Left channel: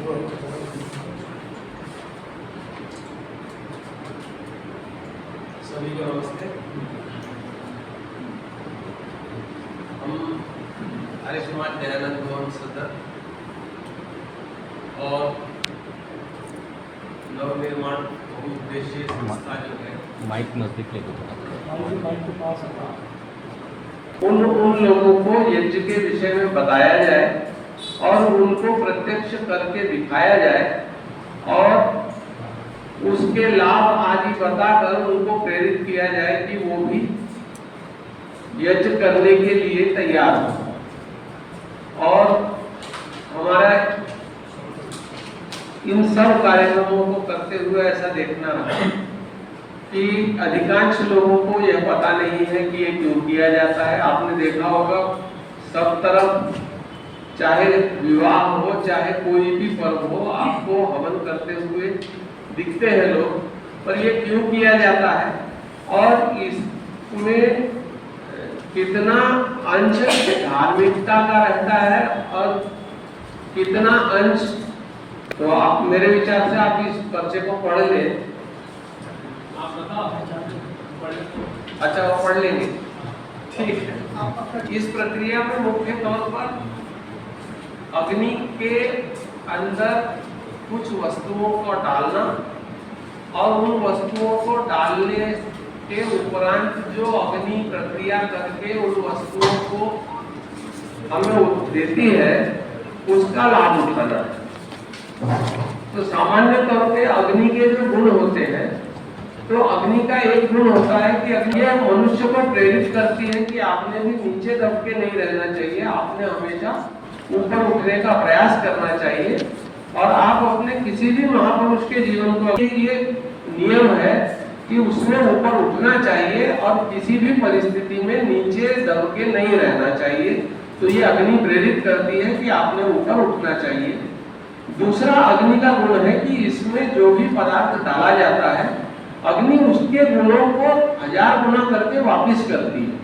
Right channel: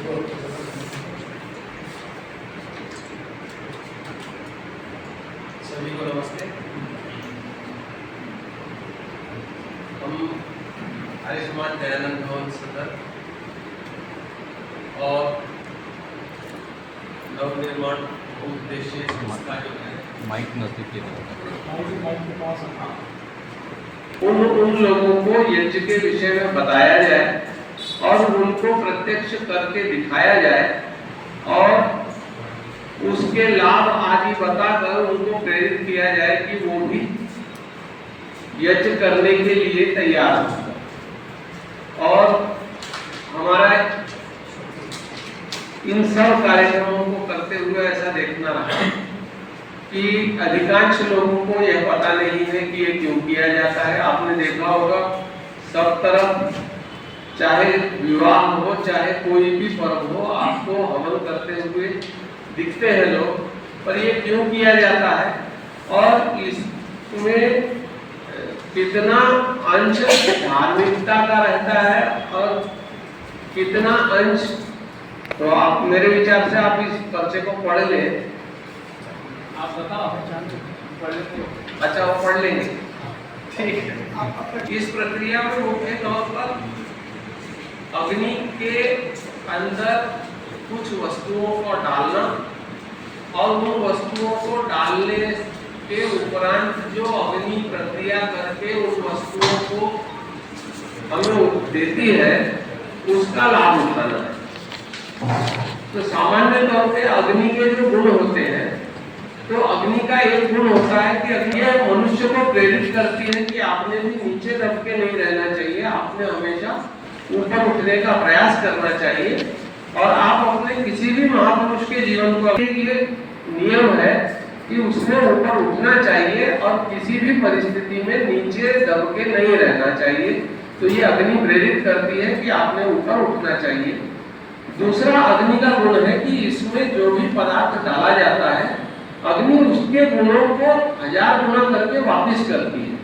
सभी को नमस्ते। हम आर्य समाज दयानंद भवन सदर और नवनिर्माण बहुउद्देशीय संस्था जो है माइक नजदीक ले उन लोगों को यज्ञ के विषय में बताया जाए और उनको प्रत्यक्ष करके दिखाया जाए और उसके लाभ आदि बताकर उनको प्रेरित किया जाए कि वो भी यज्ञ करने के लिए तैयार हो। और हमारा इन सब कार्यक्रमों को करते हुए ऐसा देखना है कि अधिकांश लोगों को यह पता नहीं है कि ये क्यों किया जाता है। आपने देखा होगा सब तरफ, चाहे विवाह हो चाहे कोई भी पर्व हो, आपको हवन करते हुए दिखते हैं लोग, पर ये क्यों किया जाता है और इसमें कितना अंश धार्मिकता का रहता है और कितना अंश, तो आप मेरे विचार से आप इस पर्चे को पढ़ लें। आप बताओ, अच्छा वो पढ़ लेंगे, ठीक है। इस प्रक्रिया में मुख्य तौर पर अग्नि के अंदर कुछ वस्तुओं को डालना और उन वस्तुओं को डालने के उपरांत जो अग्नि प्रक्रिया करके उन वस्तुओं को हमें देती है उसका लाभ उठाना है। तो सामान्य तौर पे अग्नि के जो गुण होते हैं, तो अग्नि का एक गुण होता है कि अग्नि मनुष्य को प्रेरित करती है कि आपने भी नीचे दब के नहीं रहना चाहिए, आपने हमेशा ऊपर उठने का प्रयास करना चाहिए। और आप अपने किसी भी महापुरुष के जीवन को, ये नियम है कि उसने ऊपर उठना चाहिए और किसी भी परिस्थिति में नीचे दब के नहीं रहना चाहिए। तो ये अग्नि प्रेरित करती है कि आपने ऊपर उठना चाहिए। दूसरा अग्नि का गुण है कि इसमें जो भी पदार्थ डाला जाता है, अग्नि उसके गुणों को 1000 गुना करके वापस करती है।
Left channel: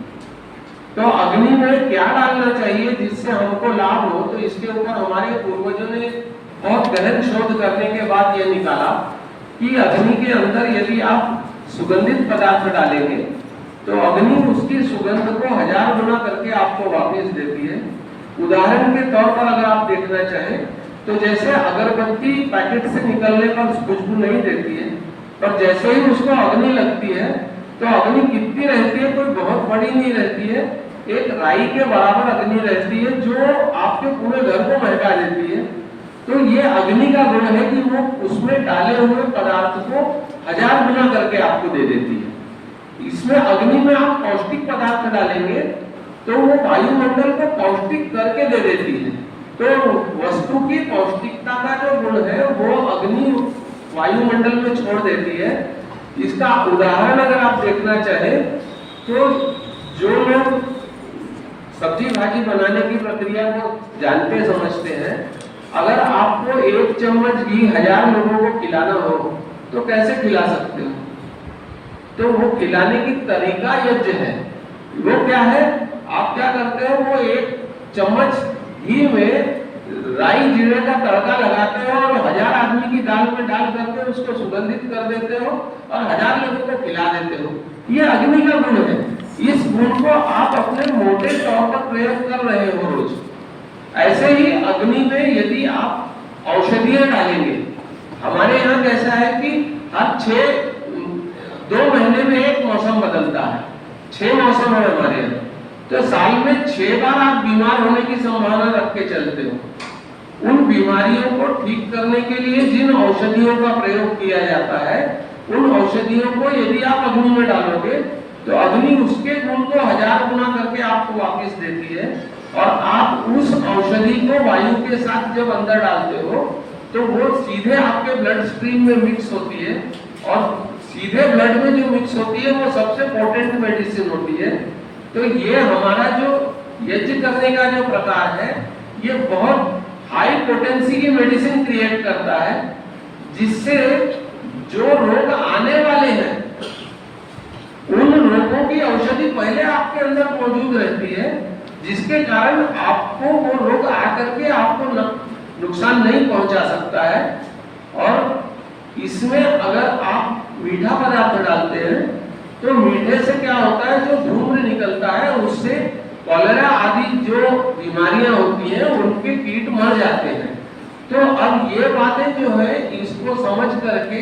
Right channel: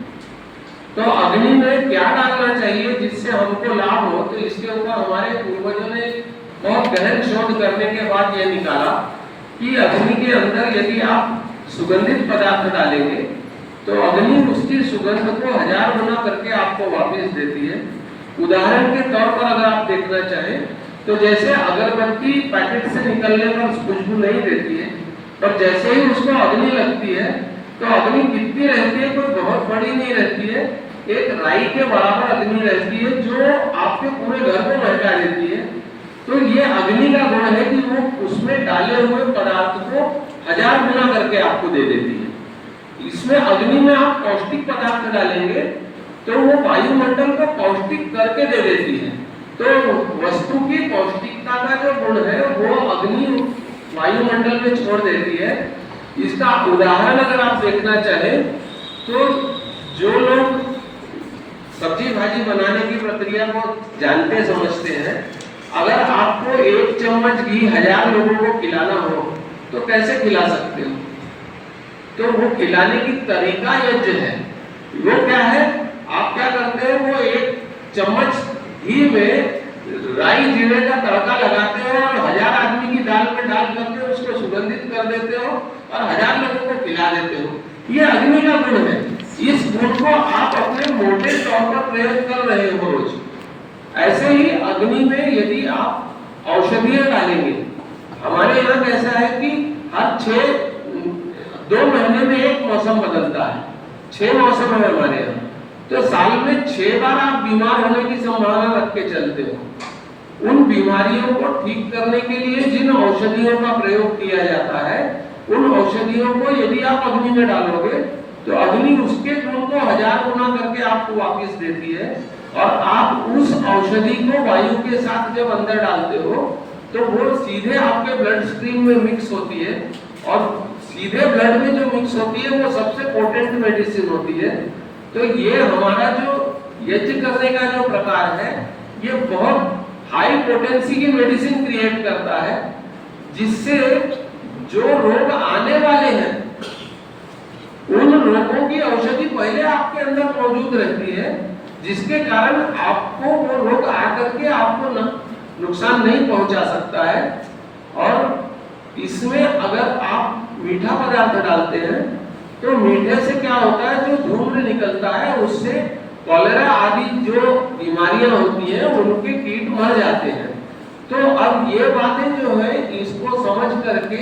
तो अग्नि में क्या डालना चाहिए जिससे हमको लाभ हो, तो इसके ऊपर हमारे पूर्वजों ने बहुत गहन शोध करने के बाद यह निकाला कि अग्नि के अंदर यदि आप सुगंधित पदार्थ डालेंगे तो अग्नि उसकी सुगंध को 1000 गुना करके आपको वापस देती है। उदाहरण के तौर पर अगर आप देखना चाहें तो जैसे अगरबत्ती पैकेट से निकलने पर खुशबू नहीं देती है, पर जैसे ही उसको अग्नि लगती है तो अग्नि कितनी रहती है, कोई बहुत बड़ी नहीं रहती है, एक राई के बराबर अग्नि रहती है जो आपके पूरे घर को महका देती है। तो ये अग्नि का गुण है कि वो उसमें डाले हुए पदार्थ को 1000 गुना करके आपको दे देती है। इसमें अग्नि में आप पौष्टिक पदार्थ डालेंगे तो वो वायुमंडल को पौष्टिक करके दे देती है। तो वस्तु की पौष्टिकता का जो गुण है वो अग्नि वायुमंडल में छोड़ देती है। इसका उदाहरण अगर आप देखना चाहें तो जो लोग सब्जी भाजी बनाने की प्रक्रिया को जानते समझते हैं, अगर आपको 1 चम्मच घी 1000 लोगों को खिलाना हो तो कैसे खिला सकते हो? तो वो खिलाने की तरीका यज्ञ है। वो क्या है, आप क्या करते हैं, वो 1 चम्मच घी में राई जीरे का तड़का लगाते हो और 1000 आदमी की दाल में डाल करके उसको सुगंधित कर देते हो और 1000 लोगों को खिला देते हो। ये अग्नि का गुण है। इस गुण को आप अपने मोटे तौर पर प्रयोग कर रहे हो रोज। ऐसे ही अग्नि में यदि आप औषधियां डालेंगे, हमारे यहाँ कैसा है कि हर 2 महीने में एक मौसम बदलता है, 6 मौसम है हमारे यहाँ, तो साल में 6 बार आप बीमार होने की संभावना रख के चलते हो। उन बीमारियों को ठीक करने के लिए जिन औषधियों का प्रयोग किया जाता है, उन औषधियों को यदि आप अग्नि में डालोगे तो अग्नि उसके गुण को 1000 गुना करके आपको वापस देती है। और आप उस औषधि को वायु के साथ जब अंदर डालते हो तो वो सीधे आपके ब्लड स्ट्रीम में मिक्स होती है और सीधे ब्लड में जो मिक्स होती है वो सबसे पोटेंट मेडिसिन होती है। तो ये हमारा जो यज्ञ करने का जो प्रकार है, ये बहुत हाई पोटेंसी की मेडिसिन क्रिएट करता है, जिससे जो रोग आने वाले हैं उन रोगों की औषधि पहले आपके अंदर मौजूद रहती है, जिसके कारण आपको वो रोग आकर के आपको नुकसान नहीं पहुंचा सकता है। और इसमें अगर आप मीठा पदार्थ डालते हैं तो मीठे से क्या होता है, जो धूम्र निकलता है उससे कॉलेरा आदि जो बीमारियां होती हैं उनके कीट मर जाते हैं। तो अब ये बातें जो है इसको समझ करके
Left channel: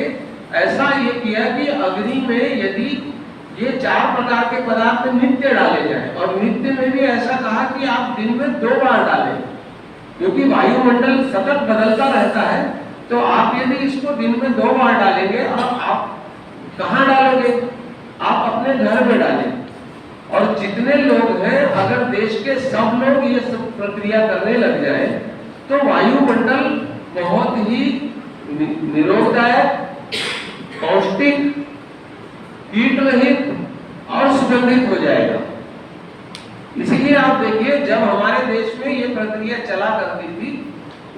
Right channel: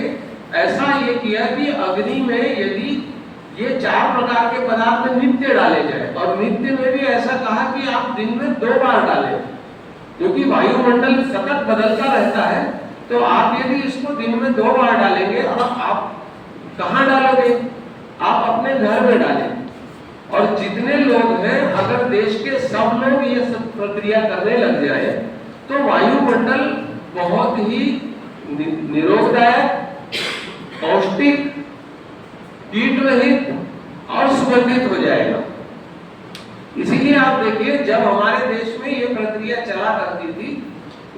ऐसा ये किया कि अग्नि में यदि ये 4 प्रकार के पदार्थ नित्य डाले जाए, और नित्य में भी ऐसा कहा कि आप दिन में 2 बार डालें, क्योंकि वायुमंडल सतत बदलता रहता है। तो आप यदि इसको दिन में 2 बार डालेंगे, और आप कहाँ डालोगे, आप अपने घर में डालें। और जितने लोग हैं, अगर देश के सब लोग ये सब प्रक्रिया करने लग जाए तो वायुमंडल बहुत ही निरोगदायक, पौष्टिक, कीट रहित और सुगंधित हो जाएगा। इसीलिए आप देखिए, जब हमारे देश में ये प्रक्रिया चला करती थी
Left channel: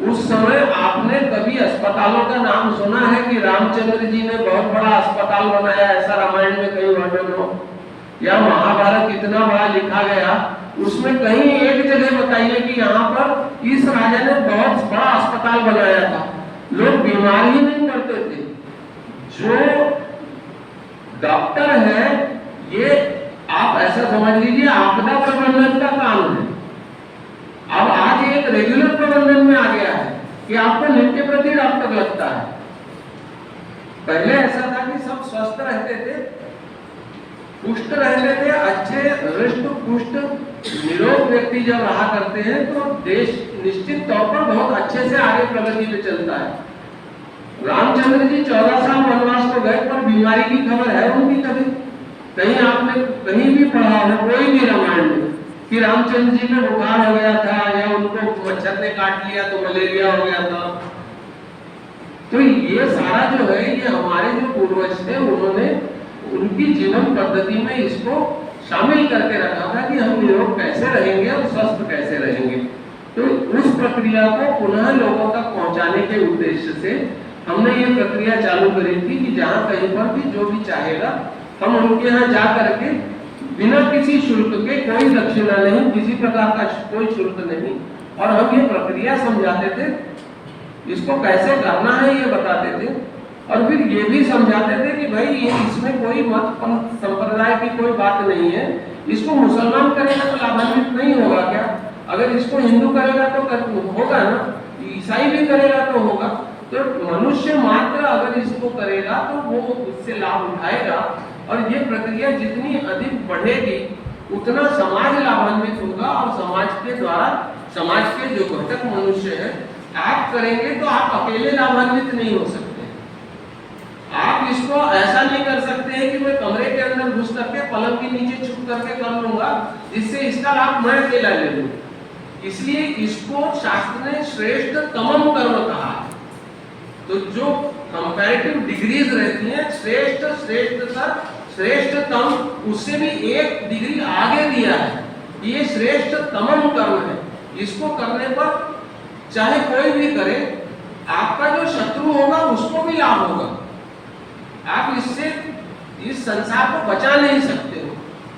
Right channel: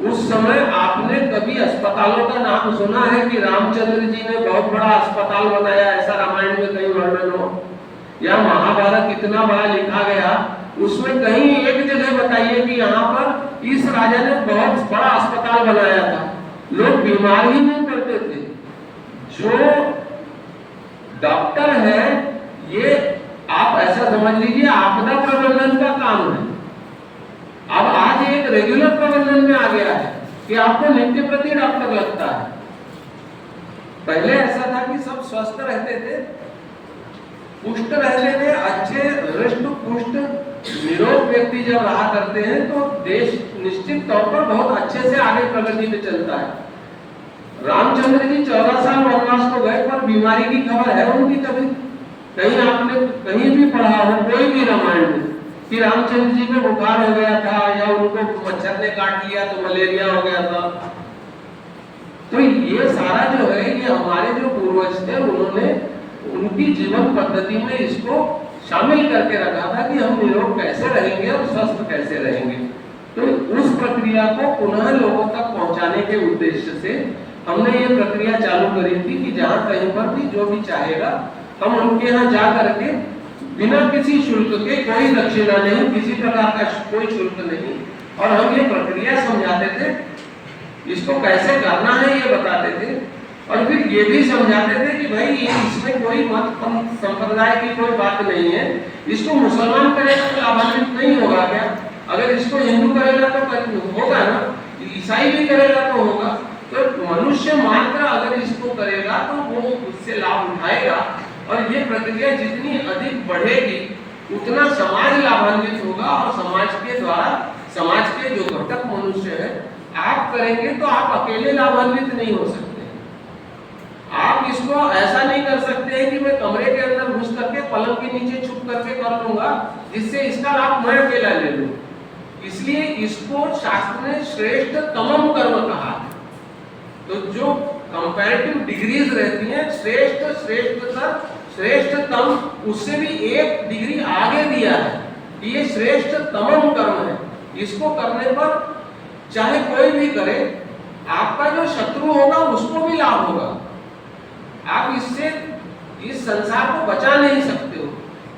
उस समय आपने कभी अस्पतालों का नाम सुना है कि रामचंद्र जी ने बहुत बड़ा अस्पताल बनाया, ऐसा रामायण में कहीं वर्णन हो, या महाभारत इतना बड़ा लिखा गया उसमें कहीं एक जगह बताइए कि यहाँ पर इस राजा ने बहुत बड़ा अस्पताल बनाया था। लोग बीमार ही नहीं पड़ते थे। जो डॉक्टर है, ये आप ऐसा समझ लीजिए आपदा प्रबंधन का काम है। अब आज एक रेगुलर प्रबंधन में आ गया है कि आपको नित्य प्रति डॉक्टर लगता है। पहले ऐसा था कि सब स्वस्थ रहते थे, पुष्ट रहते थे, अच्छे हृष्ट पुष्ट निरोग व्यक्ति जब रहा करते हैं तो देश निश्चित तौर पर बहुत अच्छे से आगे प्रगति पे चलता है। रामचंद्र जी 14 साल वनवास को गए, पर बीमारी की खबर है उनकी कभी? कहीं आपने कहीं भी पढ़ा हो कोई भी रामायण में कि रामचंद्र जी में बुखार हो गया था, या उनको मच्छर ने काट लिया तो मलेरिया हो गया था? तो ये सारा जो है, ये हमारे जो पूर्वज थे उन्होंने उनकी जीवन पद्धति में इसको शामिल करके रखा था कि हम निरोग कैसे रहेंगे और स्वस्थ कैसे रहेंगे। तो उस प्रक्रिया को पुनः लोगों तक पहुंचाने के उद्देश्य से हमने ये प्रक्रिया चालू करी थी कि जहाँ कहीं पर भी जो भी चाहेगा हम उनके यहाँ जा करके बिना किसी शुल्क के, कोई दक्षिणा नहीं, किसी प्रकार का कोई शुल्क नहीं, और हम ये प्रक्रिया समझाते थे, इसको कैसे करना है ये बताते थे, और फिर ये भी समझाते थे कि भाई ये इसमें कोई मत पंथ संप्रदाय की कोई बात नहीं है। इसको मुसलमान करेगा तो लाभान्वित नहीं होगा क्या? अगर इसको हिंदू करेगा तो होगा ना, ईसाई भी करेगा तो होगा। तो मनुष्य मात्र अगर इसको करेगा तो वो उससे लाभ उठाएगा, और ये प्रक्रिया जितनी अधिक बढ़ेगी उतना समाज लाभान्वित होगा, और समाज के द्वारा समाज के जो घटक मनुष्य है, आप करेंगे तो आप अकेले लाभान्वित नहीं हो सकते। आप इसको ऐसा नहीं कर सकते हैं कि मैं कमरे के अंदर घुस करके पलंग के नीचे छुप करके कर लूंगा जिससे इसका लाभ मैं अकेला ले लूं। इसलिए इसको शास्त्र ने श्रेष्ठ तमम कर्म कहा है। तो जो कंपैरेटिव डिग्रीज रहती हैं, श्रेष्ठ, श्रेष्ठतर, श्रेष्ठतम, उससे भी एक डिग्री आगे दिया है। ये श्रेष्ठ तमम कर्म है। इसको करने पर चाहे कोई भी करे, आपका जो शत्रु होगा उसको भी लाभ होगा। आप इससे इस संसार को बचा नहीं सकते हो।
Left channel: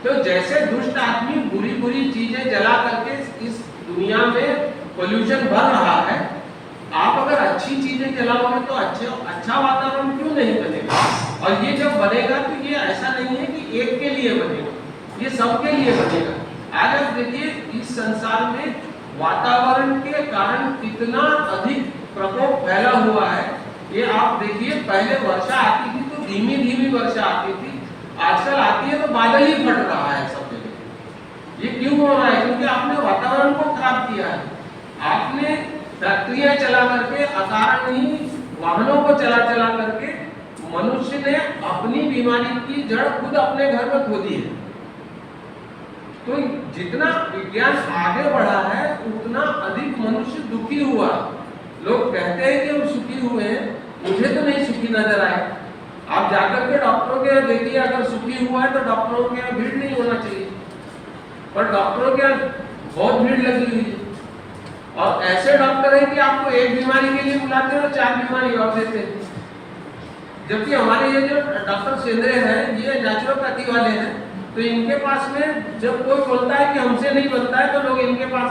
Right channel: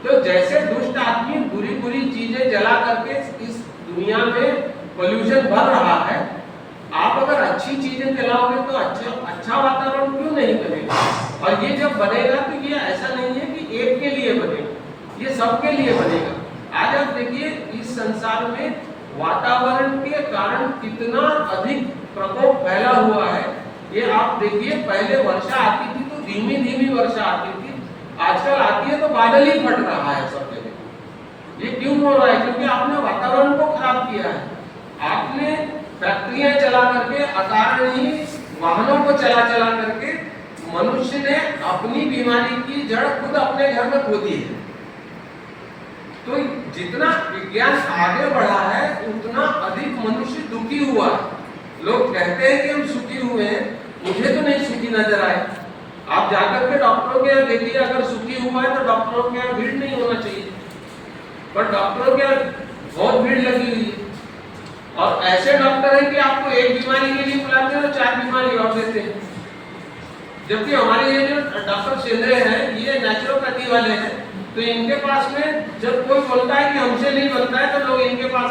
तो जैसे दुष्ट आदमी बुरी बुरी चीजें जला करके इस दुनिया में पोल्यूशन बढ़ रहा है, आप अगर अच्छी चीजें जलाओगे तो अच्छा वातावरण क्यों नहीं बनेगा? और ये जब बनेगा तो ये ऐसा नहीं है कि एक के लिए बनेगा, ये सबके लिए बनेगा। आज आप देखिए इस संसार में वातावरण के कारण कितना अधिक प्रकोप फैला हुआ है। ये आप देखिए, पहले वर्षा आती थी तो धीमी धीमी वर्षा आती थी, आजकल आती है तो बादल ही फट रहा है सब जगह। ये क्यों हो रहा है? क्योंकि आपने वातावरण को खराब किया है। आपने फैक्ट्रियां चला करके, अकारण ही वाहनों को चला चला करके मनुष्य ने अपनी बीमारी की जड़ खुद अपने घर में खोदी है। तो जितना विज्ञान आगे बढ़ा है उतना अधिक मनुष्य दुखी हुआ है। लोग कहते हैं कि हम सुखी हुए हैं, मुझे तो नहीं सुखी नजर आए। आप जाकर के डॉक्टरों के यहाँ देखिए, अगर सुखी हुआ है तो डॉक्टरों के यहाँ भीड़ नहीं होना चाहिए, पर डॉक्टरों के यहाँ बहुत भीड़ लगी हुई है। और ऐसे डॉक्टर हैं कि आपको एक बीमारी के लिए बुलाते हैं तो 4 बीमारी और देते हैं। जबकि हमारे ये जो डॉक्टर शेंद्रे हैं, ये नेचुरोपैथी वाले हैं, तो इनके पास में जब कोई बोलता है कि हमसे नहीं बनता है तो लोग इनके पास